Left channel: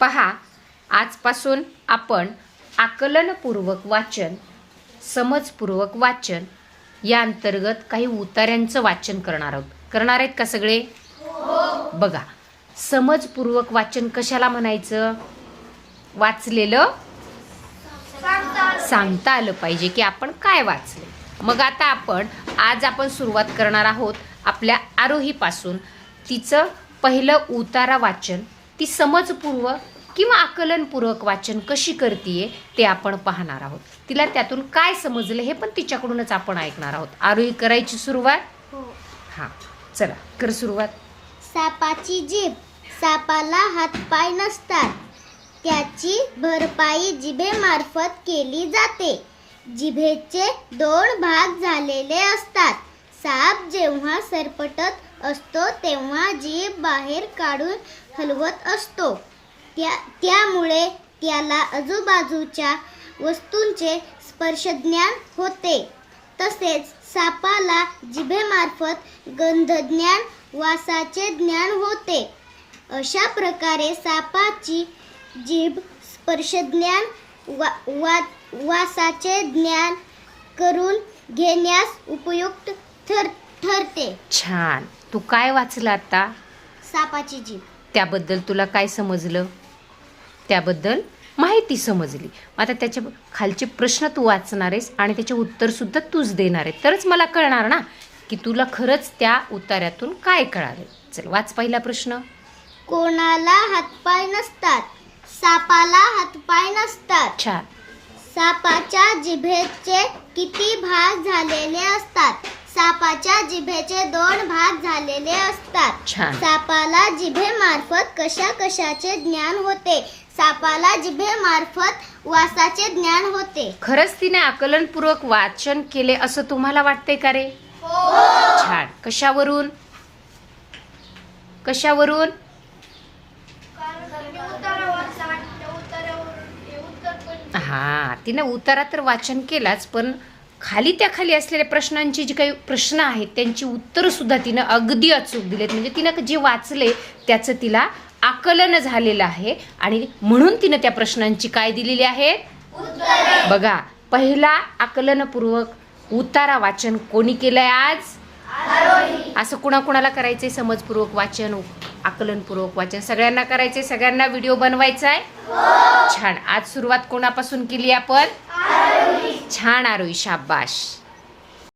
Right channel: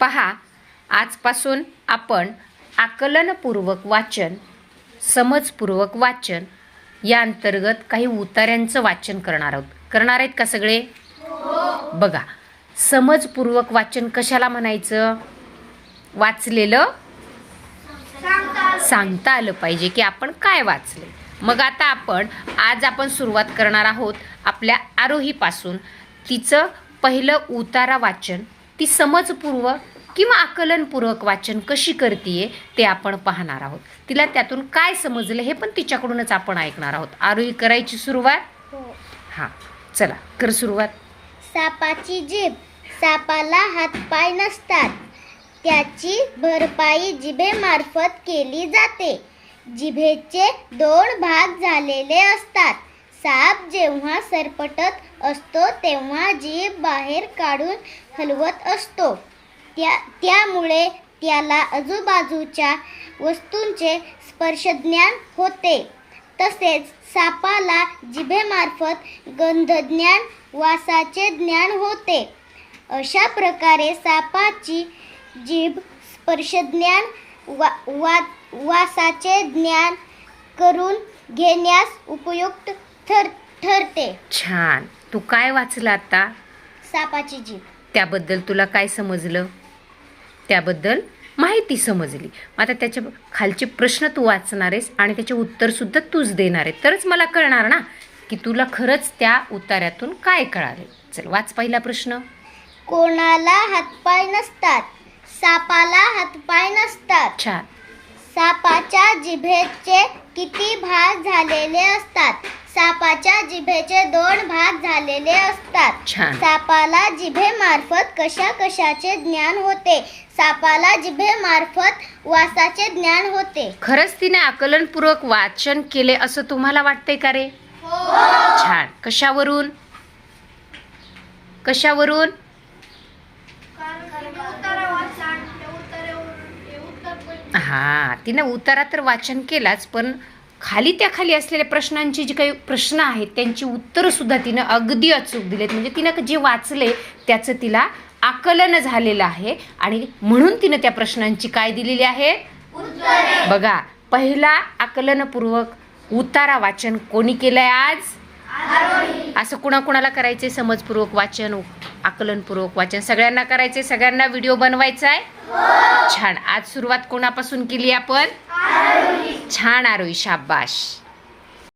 पहा, आजपासून आपण आकलनपूर्वक वाचन, समजपूर्वक वाचन या अंतर्गत काही उतार्यांचं वाचन करणार आहोत. करणार आहेत का सगळे? बघा, समजपूर्वक वाचन कशाला म्हणायचं? वाचलेलं सांगता आलं पाहिजे की आपण काय वाचले. मग आता आज आपण सुरुवात करणार आहोत आपल्या आरोहीपासून. तिचं पहिलं उतारा वाचन, ती समजपूर्वक किंवा आकलनपूर्वक वाचन कशी करतीये ते आपण पाहणार आहोत. तिला त्यातून काय समजलं हे पण तिच्याकडूनच आपण ऐकणार आहोत. आरोही करायची सुरुवात? हां, चला कर सुरुवात. सापाची जीभ. सापाला हातपाय नसतात. त्याची भरपाई जिभेमार्फत केली जाते. जिभेचे 2 भाग झालेले असतात. साप जेव्हा सरपटत असतो तेव्हा जीभ बाहेर काढून हलवत असतो. त्यामुळे त्याला आजूबाजूच्या वस्तूंचे स्पर्शज्ञान होते. तसेच सापाला जिभेमार्फत गंधज्ञान, वासाचे ज्ञान होते. अशा प्रकारे सापाची जीभ स्पर्शज्ञान, वासाचे ज्ञान करून घेण्यास उपयुक्त ठरते. छान. तू काय वाचलं आता? सापाची जीभ. त्याबद्दल तुला काय समजलं? त्याबद्दल माहिती समजली. आता त्याच्या खालचे प्रश्न तू वाचणार आहेस आणि त्याचे उत्तर सुद्धा तूच देणार आहे. तरच मला कळणार ना की तुला खरंच त्या उतार्यातून काय कळाले. चल, वाच पहिला प्रश्न. कोणाला हातपाय नसतात? सापाला हातपाय नसतात. छान. सापाच्या जिभेचे किती भाग झालेले असतात? सापाच्या जिभेचे 2 भाग झालेले असतात. छान. सापाला जिभेमार्फत कशाचे ज्ञान होते? सापाला जिभेमार्फत वासाचे ज्ञान होते. खरंच तिने आकलनपूर्वक वाचन केले असं तुम्हाला वाटतंय का रे? छान. कशावरून? हा, तिने उतारा तर वाचन केलाच, पण खाली असलेल्या प्रश्नांची जी काही प्रश्न आहेत त्यांची उत्तर सुद्धा तिनं अगदी अचूक दिलेत. म्हणजे तिनं जे वाचले त्याचं तिला आकलन झालेलं आहे आणि म्हणून तिनं त्या प्रश्नांची काय दिलेली आहे? बघा, पहिला आकलनपूर्वक उतारा वाचन कोणी केलंय आज? असं कुणाकुणाला करायचंय समजपूर्वक वाचन, आकलनपूर्वक वाचन? सगळ्यांना करायचंय, सगळ्यांना व्हिडिओ बनवायचा आहे. छान. आज सुरुवात कोणापासून केली आपण? छान आरोही, शाबाश.